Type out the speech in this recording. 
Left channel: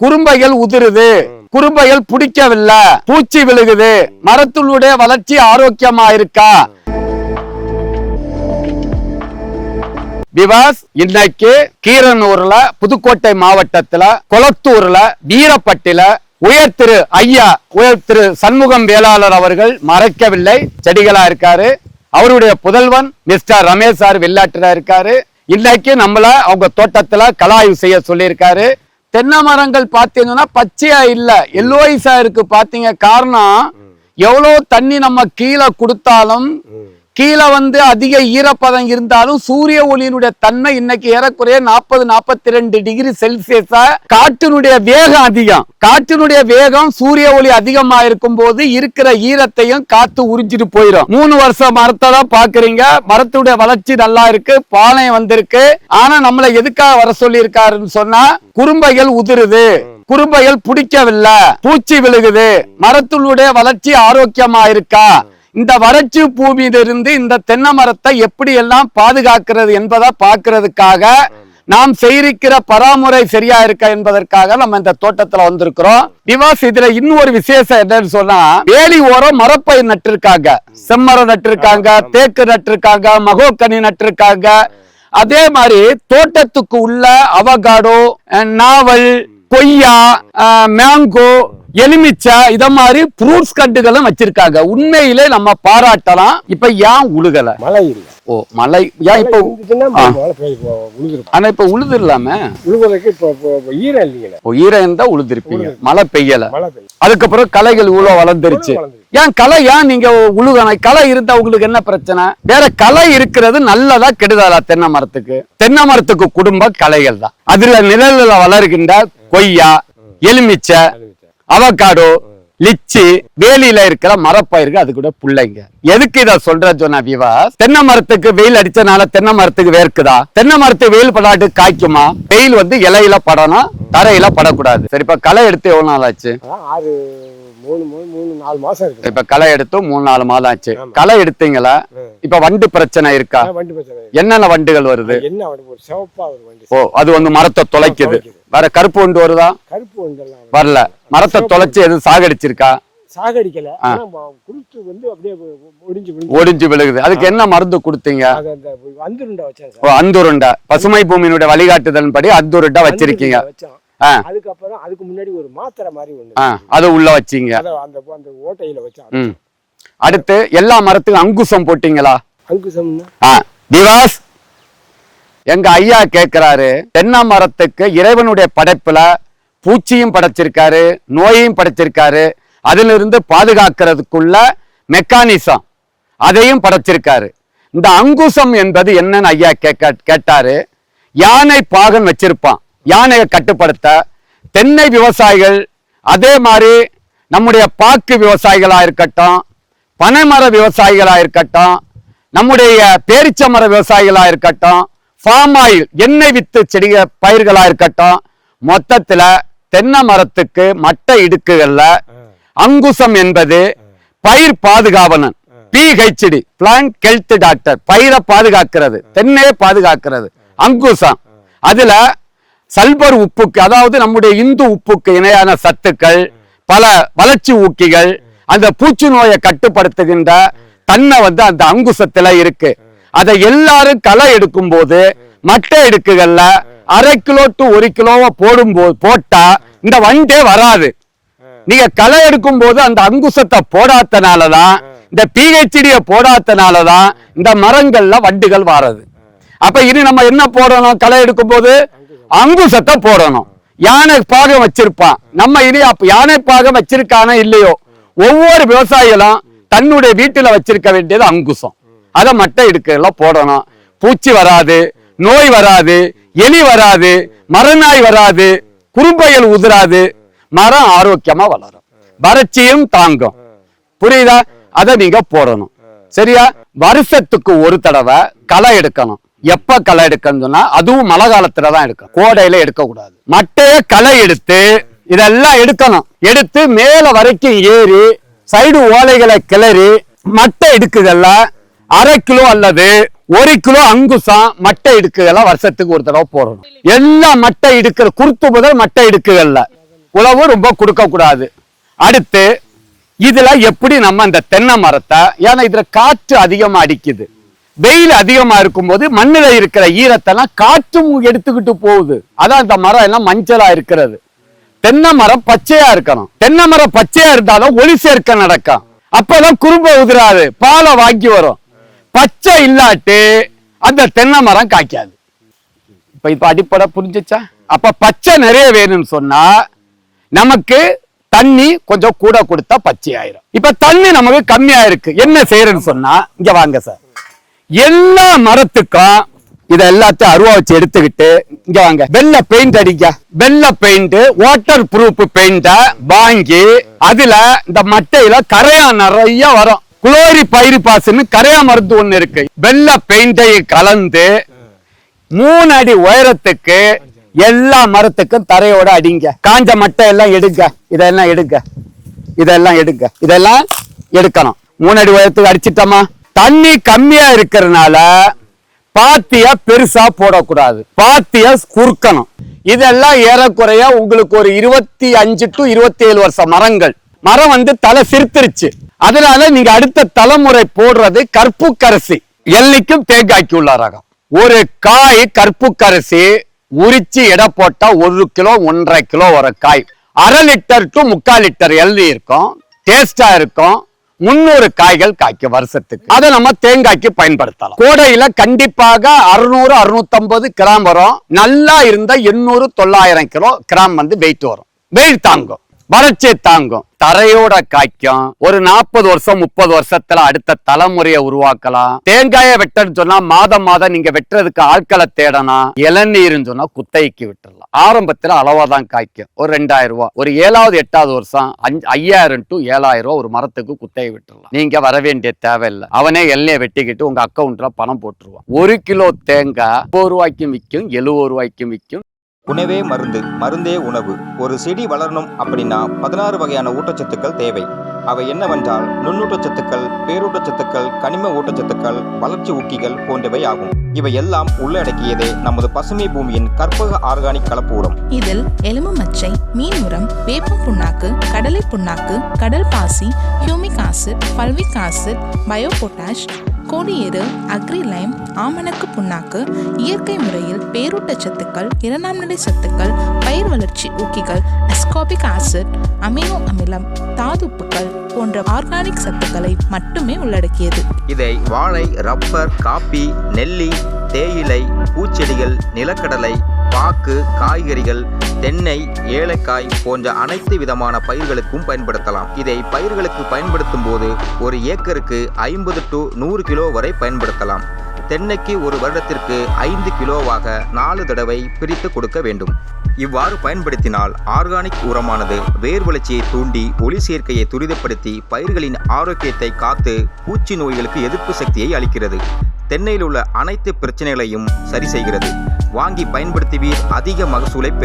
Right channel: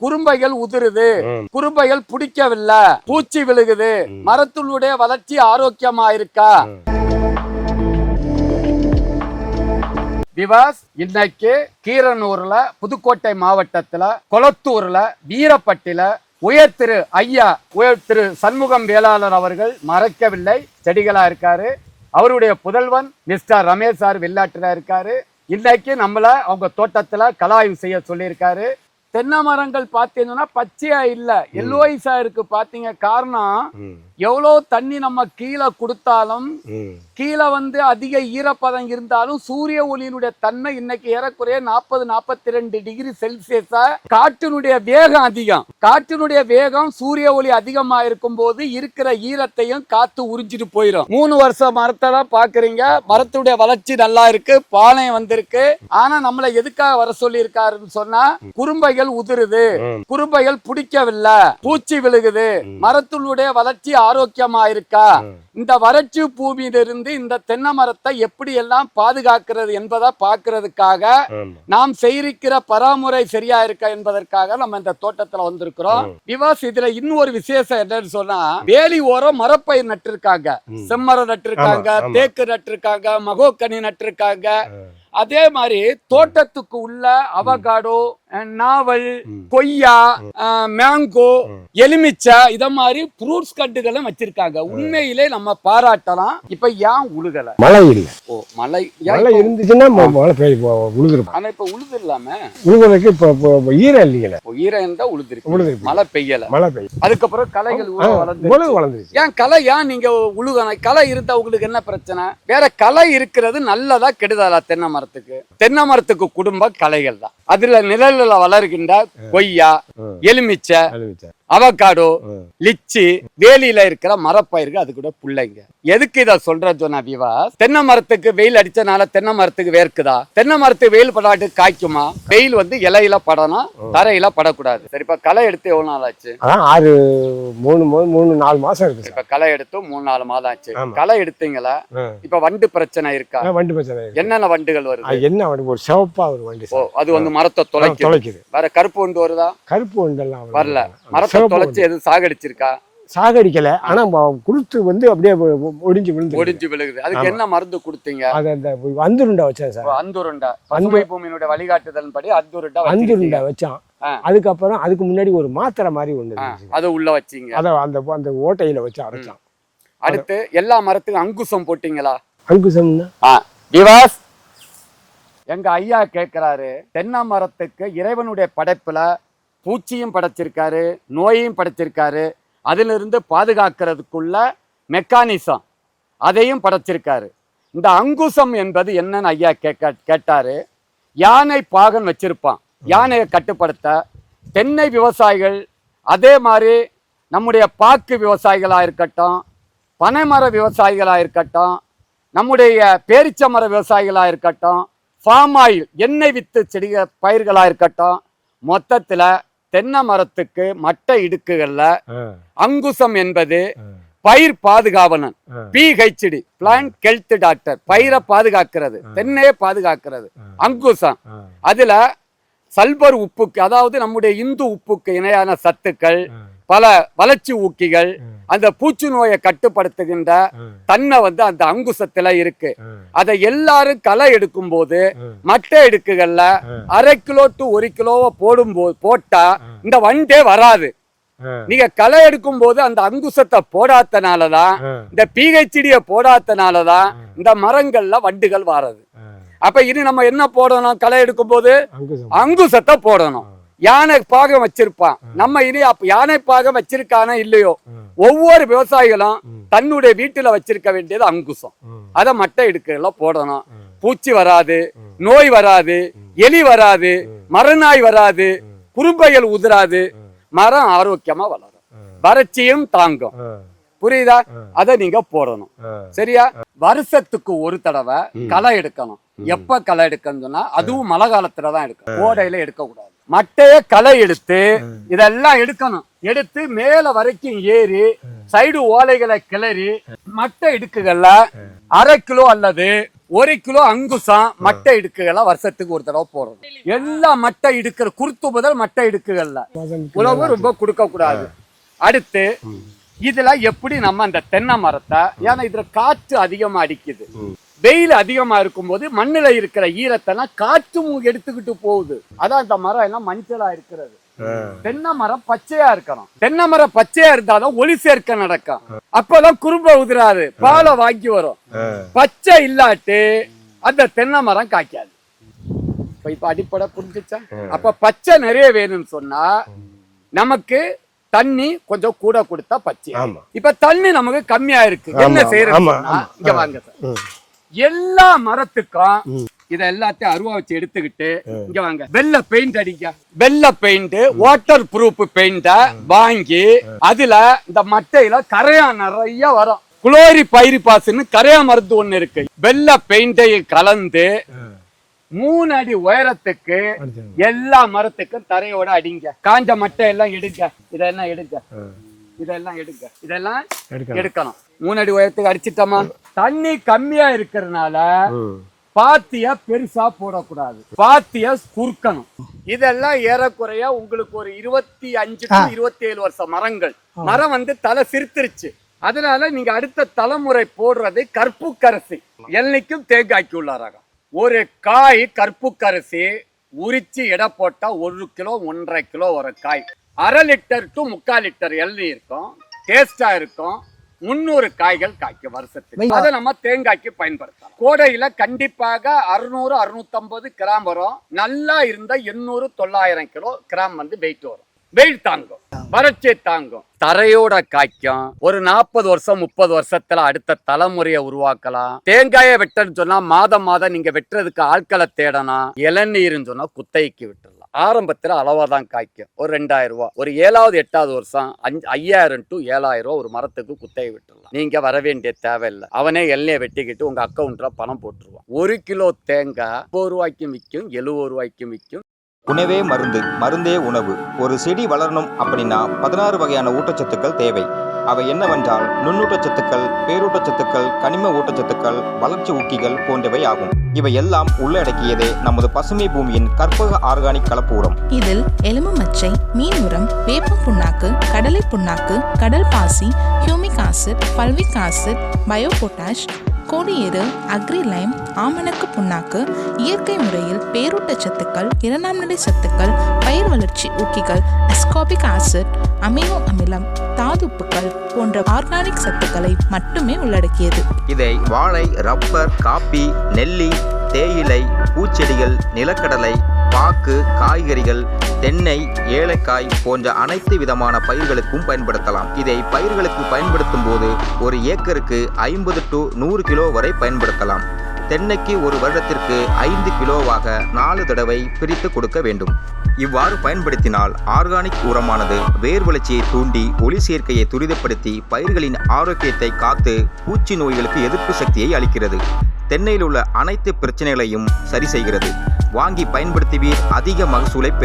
குறும்பைகள் உதிருது, குறும்பைகள் பிடிக்கவில்லை, பூச்சி விழுகுது, மரத்துடைய வளர்ச்சி ஆரோக்கியமா இருக்கா? விவாஸ் இன்னைக்கு கீரனூர்ல, புதுக்கோட்டை மாவட்டத்துல, கொளத்தூர்ல, வீரப்பட்டில உயர் திரு ஐயா உயர் திரு சண்முகம் வேளாளர் அவர்கள் மறைக்கவில்லை, செடிகளா இருக்காரு. அவருடைய புதல்வன் மிஸ்டர் ரமேஷ் சார் வெள்ளாட்டுல இருக்காரு. இன்னைக்கு நம்மள அவங்க தோட்டத்துல கலாய்வு செய்ய சொல்லியிருக்காரு. தென்னை மரங்கள் பாத்தீங்கன்னா பச்சையா இல்ல, எல்லோயிஸா இருக்கு. பாத்தீங்க காரணம், எவ்வளவு தண்ணி நம்ம கீழே கொடுத்தாலும், கீழே அதிக ஈரப்பதம் இருந்தாலும் சூரிய ஒளியினுடைய தன்மை இன்னைக்கு ஏறக்குறைய 40-42 டிகிரி செல்சியஸா. காற்றினுடைய வேகம் அதிகம். காற்றினுடைய வேகம் சூரிய ஒளி அதிகமா இருக்கும் போது இருக்கிற ஈரத்தையும் காத்து உறிஞ்சிட்டு போயிடும். 3 வருஷம் மரத்தை தான் பாக்குறீங்க. மரத்துடைய வளர்ச்சி நல்லா இருக்கு, பானை வந்திருக்கு. ஆனா நம்மள எதுக்காக வர சொல்லி இருக்காருன்னு சொன்னா, குறும்பைகள் உதிருது, குறும்பைகள் பிடிக்கவில்லை, பூச்சி விழுகுது, மரத்துடைய வளர்ச்சி ஆரோக்கியமா இருக்கா? இந்த வறட்சி பூமியிலிருந்து இந்த தென்னை மரத்தை எப்படி எல்லாம் பாதுகாக்கிறது என்பதை பார்க்கிறதுக்காக, நாம் செய்திருக்கிற பராமுறை சரியா இருக்கா என்பதற்காக நம்ம இந்த தோட்டத்துல வந்திருக்கிறோம். திவாஸ் இதுல இன்னொரு விசேஷம் என்னன்னு சொன்னா, வேலி ஓரம் மரப்பயிர் நட்டிருக்காங்க, செம்மரம் நட்டிருக்காங்க, தேக்கு நட்டிருக்காங்க, மகோக்கனி நட்டிருக்காங்க. அதே மாதிரி தோட்டத்துக்கு உள்ள அவகாடோ, நாவல், கொய்யா, மேங்கோ, எலுமிச்சை, இத மாதிரி ஃப்ரூட்ஸ் கட்டுகளும் வச்சிருக்காங்க. உண்மையிலே நம்ம பாராட்டலாம். இப்ப ஏன் உழுகல? மழை இல்லை. ஓ, மழை ஏன் இப்ப ஆனா இப்ப உழுதுலாம? உழுதுறதுக்கு இப்ப ஈரம் இல்லையா? ஈரம் இருந்தா உழுதுருப்பீங்க, மழை பெய்யல. அதுக்கப்புறம் களைகள் இவ்வளவு வளர்ந்துருச்சு. ஏன் களை, ஏன் நீங்க உழுகணும்? களை இருந்தா உங்களுக்கு என்ன பிரச்சனை? வேற களை இருக்கிறது நல்லதா கெடுதலா? தென்னை மரத்துக்கு, தென்னை மரத்துக்கு குடும்ப களைகள் தான். அதுல நிழல்ல வளர்கின்ற கொய்யா, எலுமிச்சை, அவகாடோ, லிச்சி, வேலியில இருக்கிற மரப்பயிர்கள், அது கூட பிள்ளைங்க. எதுக்கு இத சொல்ற சொன்னா விவாஸ், தென்னை மரத்துக்கு வெயில் அடிச்சனால தென்னை மரத்துக்கு வேர்க்குதா? தென்னை மரத்துக்கு வெயில் படாட்டு காய்க்குமா? வெயில் இலையில படணும், தரையில படக்கூடாது. சரி, இப்ப களை எடுத்து எவ்வளவு நாள் ஆச்சு? 3-4 மாசம் இருக்கு. இப்ப களை எடுத்து 3-4 மாதம் ஆச்சு. களை எடுத்தீங்களா? இப்ப வண்டு பிரச்சனை இருக்கா? என்னென்ன வண்டுகள் வருது? என்ன வண்டு? ஒரு சிவப்பா ஒரு வண்டு. ஓ, அது மரத்தை தொலைக்குது. வேற கருப்பு வண்டு வருதா? கருப்பு வண்டு எல்லாம் வரல. மரத்தை தொலைச்சு எதுவும் சாகடிச்சிருக்கா? சாகடிக்கல. ஆனா குருத்து அப்படியே ஒடிஞ்சு விழுகுது. அதுக்கு என்ன மருந்து கொடுத்தீங்க? அந்துருண்டா வச்சேன் சார். அந்துருண்டா, பசுமை பூமியினுடைய வழிகாட்டுதல் படி அந்துருண்டா வச்சிருக்கீங்க. அதுக்கப்புறம் அதுக்கு முன்னாடி ஒரு மாத்திரை மாதிரி ஒண்ணு, அதை உள்ள வச்சீங்க. அந்த ஓட்டையில வச்சா. அடுத்து எல்லா மரத்துக்கும் அங்குசம் போட்டீங்களா? அங்குசம் திவாஸ், எங்க ஐயா கேட்கிறாரு, தென்னை மரத்துக்கு இறைவனுடைய படைப்புல பூச்சியும் படைச்சிருக்காரு, நோயையும் படைச்சிருக்காரு, அதுல இருந்து பாதுகாக்கிறதுக்குள்ள மெக்கானிசம் அதையும் படைச்சிருக்காரு. இந்த அங்குசம் என்பது என்னன்னு ஐயா கேட்டாரு. யானை பாகன் வச்சிருப்பான், யானையை கட்டுப்படுத்த. தென்னை விவசாயிகள், அதே மாதிரி நம்முடைய பாக்கு விவசாயிகளா இருக்கட்டும், பனைமர விவசாயிகளா இருக்கட்டும், நம்முடைய பேரிச்சமர விவசாயிகளா இருக்கட்டும், ஃபார்ம் ஆயில் எண்ணெய் வித்து செடிக பயிர்களா இருக்கட்டும், மொத்தத்துல தென்னை மரத்துக்கு மட்டை இடுக்குகள்ல அங்குசம் என்பது பயிர் பாதுகாவலன், PHD, பிளான்ட் ஹெல்த் டாக்டர், பயிரை பாதுகாக்கிறது, தென்னையை பாதுகாக்கிறது அங்குசம். அதுல சல்பர் உப்புக்கு, அதாவது நம்முடைய இந்து உப்புக்கு இணையான சத்துக்கள், பல வளர்ச்சி ஊக்கிகள், அந்த பூச்சி நோயை கட்டுப்படுத்துகின்ற தன்மை அந்த அங்குசத்துல இருக்கு. அதை எல்லாரும் களை எடுக்கும் போது மட்டை இடுக்குகள்ல 1/2 கிலோ to 1 கிலோவை போட்டா இந்த வண்டே வராது. நீங்க களை எடுக்கும் போது அந்த அங்குசத்தை போடாதனாலதான், இந்த PHD போடாதனாலதான் இந்த மரங்கள்ல வண்டுகள் வராது. அப்ப இனி நம்ம என்ன போடணும்? களை எடுக்கும் போது அங்குசத்தை போடணும். யானை பாகம் வச்சிருப்பான், நம்ம இனி யானை பாகம் வச்சிருக்கானே இல்லையோ, ஒவ்வொரு விவசாயிகளும் தன்னுடைய வீட்டுல வச்சிருக்க வேண்டியது அங்குசம். அதை மட்டை இடுக்குல போடணும். பூச்சி வராது, நோய் வராது, எலி வராது, மரநாய் வராது, குறும்பைகள் உதிராது, மரம் ஆரோக்கியமா வளரும், வறட்சியும் தாங்கும். புரியுதா? அதை நீங்க போடணும். சரியா? வருஷத்துக்கு ஒரு தடவை களை எடுக்கணும். எப்ப களை எடுக்கணும் சொன்னா, அதுவும் மழை காலத்துலதான் எடுக்கணும், கோடையில எடுக்க கூடாது. மட்டைய களை எடுத்து இதெல்லாம் எடுக்கணும். எடுத்து மேல வரைக்கும் ஏறி சைடு ஓலைகளை கிளறி மட்டை இடுக்குகள்ல 1/2 கிலோ அல்லது 1 கிலோ அங்குசம் மட்டை இடுக்குகள்லாம் வருஷத்துக்கு ஒரு தடவை போடணும். எல்லா மட்டை இடுக்கிற குருத்து முதல் மட்டை இடுக்குகள்ல உழவு ரொம்ப கொடுக்க கூடாது. அடுத்து இதுல எப்படி நம்ம இந்த தென்னை மரத்தை, ஏன்னா இதுல காற்று அதிகமா அடிக்குது, வெயில் அதிகமா இருக்கும் போது மண்ணுல இருக்கிற ஈரத்தெல்லாம் காற்றும் எடுத்துக்கிட்டு போகுது. அதான் இந்த மரம் எல்லாம் மஞ்சளா இருக்கிறது. தென்னை மரம் பச்சையா இருக்கணும். தென்னை மரம் பச்சையா இருந்தாலும் ஒளி சேர்க்க நடக்கும். அப்பதான் குறும்ப உதிராது, பாலை வாங்கி வரும். பச்சை இல்லாட்டு அந்த தென்னை மரம் காய்க்காது. இப்ப அடிப்படை புரிஞ்சுச்சா? அப்ப பச்சை நிறைய வேணும்னு சொன்னா நமக்கு தண்ணி கொஞ்சம் கூட கொடுத்தா பச்சை ஆயிடும். இப்ப தண்ணி நமக்கு கம்மியா இருக்கு, என்ன செய்யறதுன்னு சொன்னா இங்க வாங்க சார். எல்லா மரத்துக்கும் இத எல்லாத்தையும் அருவா வச்சு எடுத்துக்கிட்டு இங்க வாங்க, வெள்ளை பெயிண்ட் அடிக்க. வெள்ளை பெயிண்ட், வாட்டர் ப்ரூஃப் பெயிண்ட வாங்கி அதுல இந்த மட்டையில கரையா நிறைய வரும். குளோரி பைரிபாஸ்ன்னு கரையா மருந்து ஒண்ணு இருக்கு. வெள்ளை பெயிண்டை கலந்து 3 அடி உயரத்துக்கு எல்லா மரத்துக்கும் தரையோட அடிங்க. காஞ்ச மட்டை எல்லாம் எடுங்க, இதெல்லாம் எடுங்க, இதெல்லாம் எடுங்க, இதெல்லாம் எடுக்கணும். 3 அடி உயரத்துக்கு அடிச்சிட்டோமா? தண்ணி கம்மியா இருக்கிறதுனால பாத்திய பெருசா போடக்கூடாது, பாத்திய குறுக்கணும். இதெல்லாம் ஏறக்குறைய உங்களுக்கு ஒரு 25 to 27 வருஷம் மரங்கள். மரம் தலை சிரித்துருச்சு. அதனால நீங்க அடுத்த தலைமுறை போடுறது கற்புக்கரசி, எல்லைக்கும் தேங்காய்க்கு உள்ள ரகம். ஒரு காய் கற்புக்கரசி உரிச்சு எடை போட்டா 1 கிலோ 1.5 கிலோ வர காய். 1/2 லிட்டர் to 3/4 லிட்டர் எள்ளி இருக்கும், டேஸ்டா இருக்கும். 300 காய்கள் காய்க்க வருஷத்துக்கு. அதை நம்ம தேங்காய்க்கு பயன்படுத்தலாம். கோடையில கண்டிப்பாக 600-650 கிராம் வரும். நல்லா இருந்தா 800-900 கிராம் வெயிட் வரும். வெயில் தாங்கும், வறட்சி தாங்கும், தரையோட காய்க்கும். ஒரு 40 வருஷம் 30 வருஷத்துல அடுத்த தலைமுறையை உருவாக்கலாம். தேங்காயை வெட்டன்னு சொன்னா மாதம் நீங்க வெட்டுறதுக்கு ஆட்களை தேடணும். இளநீர்னு சொன்னா குத்தகைக்கு விட்டுறலாம். ஆரம்பத்துல அளவாதான் காய்க்கும். ஒரு 2000 ரூபாய், ஒரு 7வது 8வது வருஷம் 5000 to 7000 ரூபாய் ஒரு மரத்துக்கு குத்தகை விட்டுறலாம். நீங்க வர வேண்டிய தேவையில்லை. அவனே எல்லையை வெட்டிக்கிட்டு உங்க அக்கௌண்ட்ல பணம் போட்டுருவான். 1 கிலோ தேங்காய் 30 ரூபாய்க்கும் விற்கும், 70 ரூபாய்க்கும் விற்கும். உணவே மருந்து, மருந்தே உணவு. ஒரு செடி வளரணும் அப்படின்னா 16 வகையான ஊட்டச்சத்துக்கள் தேவை. அவை என்னவென்றால் நுண்ணூட்டச்சத்துக்கள், பேரூட்டச்சத்துக்கள், கனிம ஊட்டச்சத்துக்கள், வளர்ச்சி ஊக்கிகள் போன்றவை ஆகும். இவை எல்லாம் உள்ளடக்கியதே நமது பசுமை பூமியின் கற்பக ஆர்கானிக் கலப்பூரம். இதில் எலும்பு மச்சை, மீன் உரம், வேப்பம் புண்ணாக்கு, கடலை புண்ணாக்கு, கடல் பாசி, humic acid, fulvic acid, bio potash, கோடியேறு, அக்ரிலைம், ஆமணக்கு புண்ணாக்கு, இயற்கை முறையில் பேரூட்டச்சத்துக்கள், 2ஆம் நிலை சத்துக்கள், பயிர் வளர்ச்சி ஊக்கிகள், அஸ்கார்பிக் ஆசிட், அமினோ அமிலம், தாதுப்புக்கள் போன்ற ஆர்கானிக் சத்துக்களை மட்டுமே உள்ளடக்கியது. இதை வாழை, ரப்பர், காப்பி, நெல்லி, தேயிலை, பூச்செடிகள், நிலக்கடலை, பாக்கு, காய்கறிகள், தென்னை, ஏலக்காய் போன்ற அனைத்து விதமான பயிர்களுக்கும் பயன்படுத்தலாம். இதை பயிர்களுக்கு பயன்படுத்தும் போது ஒரு ஏக்கருக்கு 50 to 100 கிலோ வரை பயன்படுத்தலாம். தென்னைக்கு ஒரு வருடத்திற்கு 5 கிலோவாக 4 தடவை பிரித்து கொடுக்க வேண்டும். இவ்வாறு பயன்படுத்தினால் ஆர்கானிக் உரமானது வேர் வளர்ச்சியை தூண்டி ஒளி சேர்க்கையை துரிதப்படுத்தி பயிர்களின் ஆரோக்கியத்தை காத்து பூச்சி நோய்களுக்கு எதிர்ப்பு சக்தியை அளிக்கிறது. தென்னையில் உள்ள அனைத்து பிரச்சனைகளையும் சரி செய்கிறது. வாங்கி பயன்படுத்துவீர், அதிக மகசூலை பெறுவீர்.